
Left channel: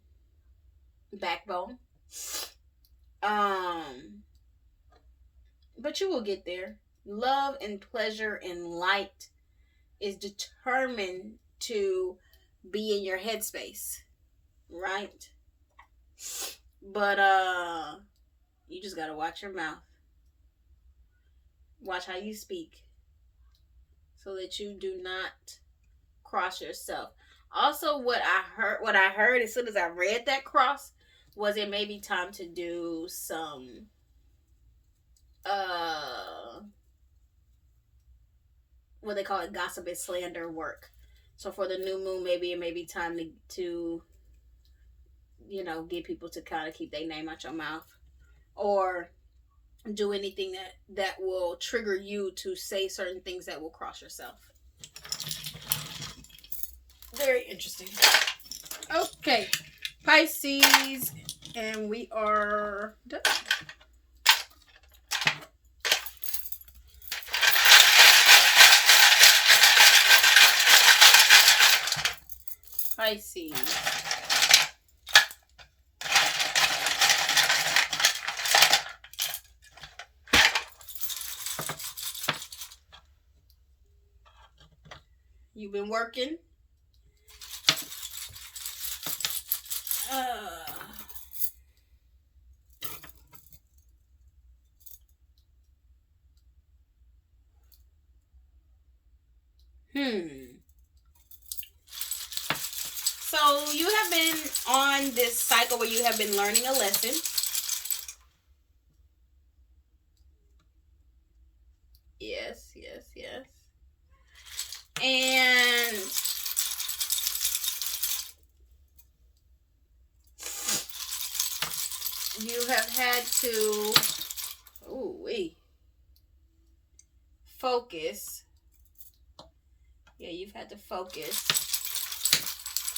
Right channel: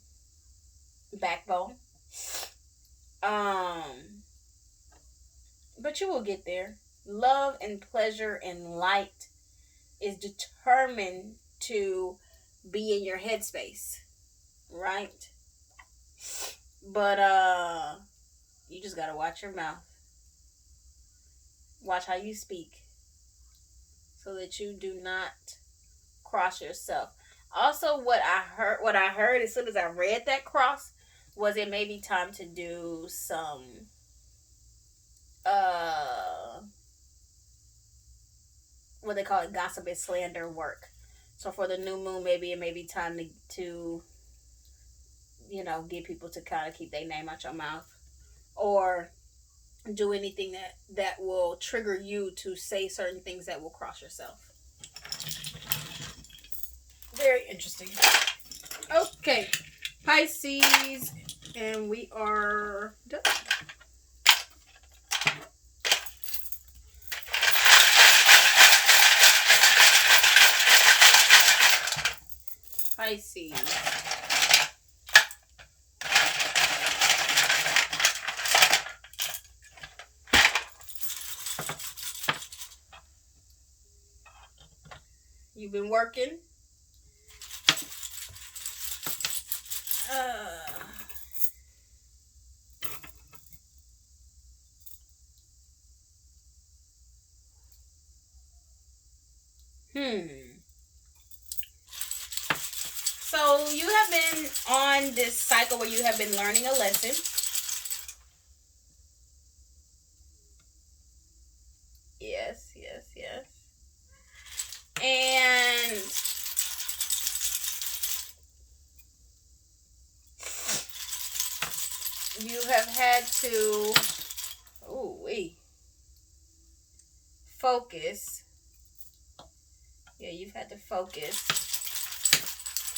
backbone. But you will get there. Love and pleasure and light is determined to be in your headspace, right? But you just gotta watch your mouth. Watch how you speak, so that you do not cross yourself. Also, what I heard as soon as I read that cross was it may be time to do some what they call it, gossip and slander work. So for the new moon, maybe it may be time to you know, get people to kind of keep their name out your mouth, or do anything that will trigger you to say certain things that will cross yourself. Very interesting. Okay, Pisces, and we are done. Pisces. You've been working. So you have been on this cycle where you have been learning a lesson. Yes. And you have had to focus. Yeah, you've had to focus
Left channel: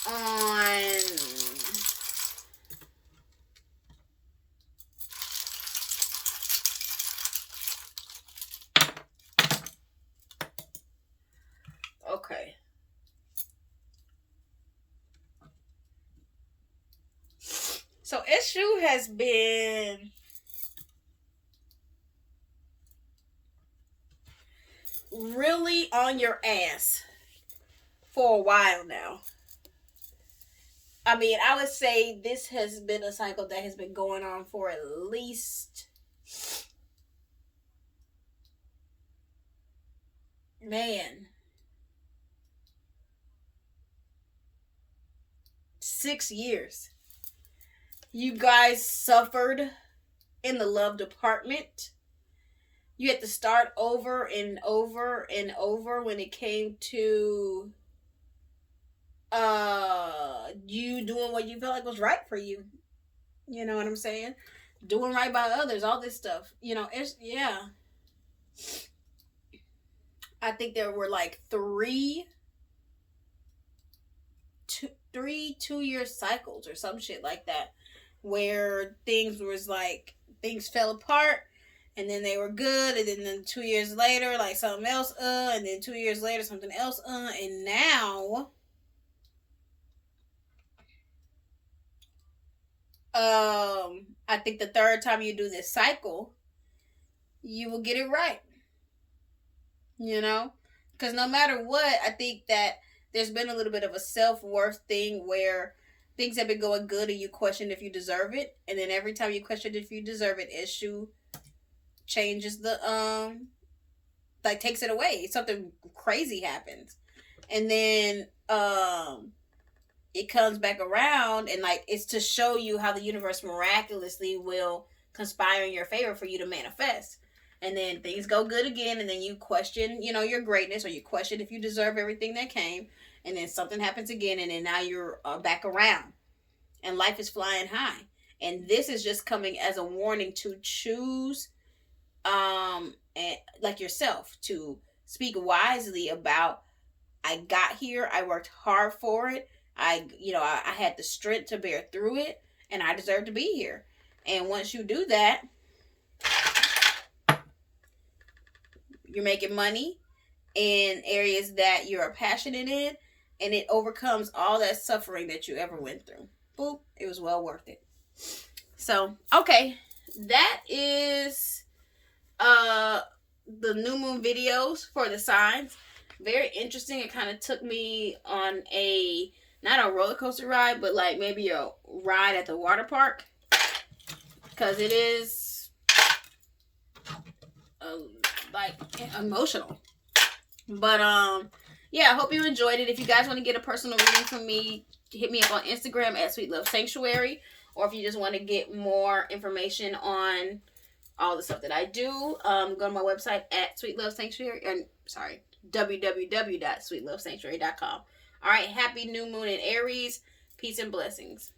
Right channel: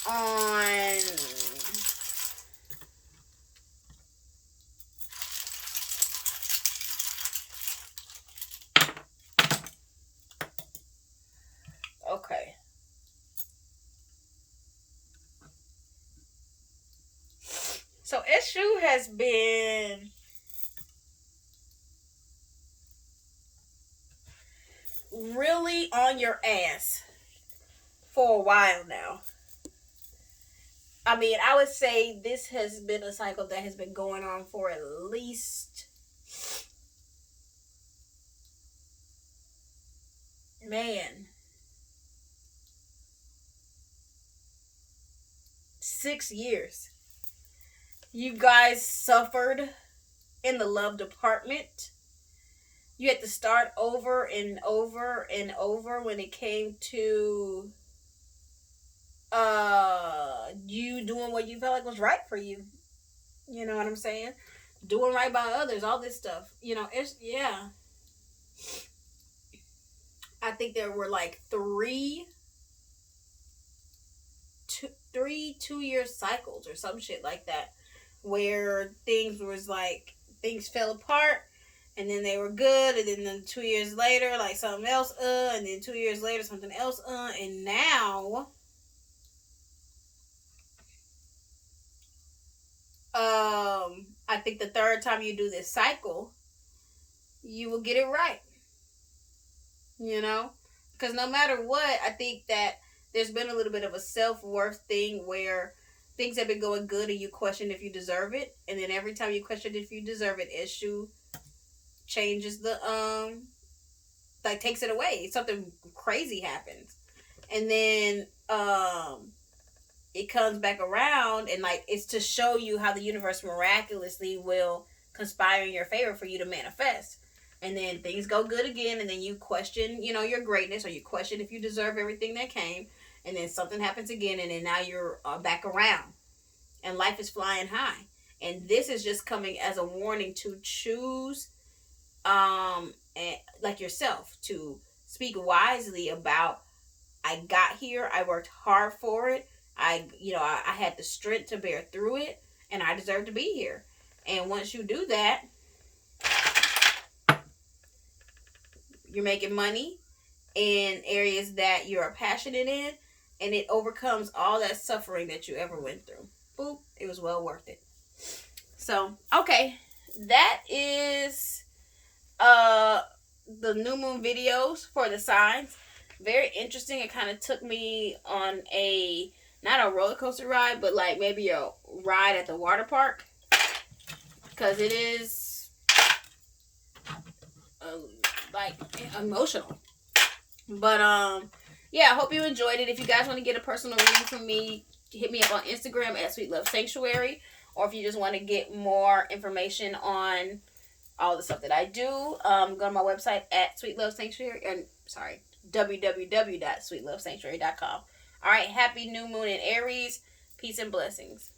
on okay. So issue has been really on your ass for a while now. I mean, I would say this has been a cycle that has been going on for at least, man, 6 years. You guys suffered in the love department. You had to start over and over and over when it came to you doing what you felt like was right for you. You know what I'm saying? Doing right by others, all this stuff. You know, it's, yeah. I think there were like three 2-year cycles or some shit like that, where things fell apart, and then they were good, and then 2 years later, like something else, and then 2 years later, something else, and now, I think the third time you do this cycle, you will get it right. You know? Because no matter what, I think that there's been a little bit of a self-worth thing where things have been going good and you question if you deserve it. And then every time you question if you deserve it, issue changes takes it away. Something crazy happens. And then it comes back around, and like it's to show you how the universe miraculously will conspire in your favor for you to manifest. And then things go good again, and then you question, your greatness, or you question if you deserve everything that came, and then something happens again, and then now you're back around, and life is flying high. And this is just coming as a warning to choose, and like yourself, to speak wisely about, I got here, I worked hard for it, I had the strength to bear through it, and I deserve to be here. And once you do that, you're making money in areas that you're passionate in, and it overcomes all that suffering that you ever went through. Boop, it was well worth it. So, okay, that is the new moon videos for the signs. Very interesting. It kind of took me on not a roller coaster ride, but like maybe a ride at the water park, because it is like emotional. But yeah, I hope you enjoyed it. If you guys want to get a personal reading from me, hit me up on Instagram at Sweet Love Sanctuary, or if you just want to get more information on all the stuff that I do, go to my website at Sweet Love Sanctuary. www.sweetlovesanctuary.com. All right, happy new moon in Aries. Peace and blessings.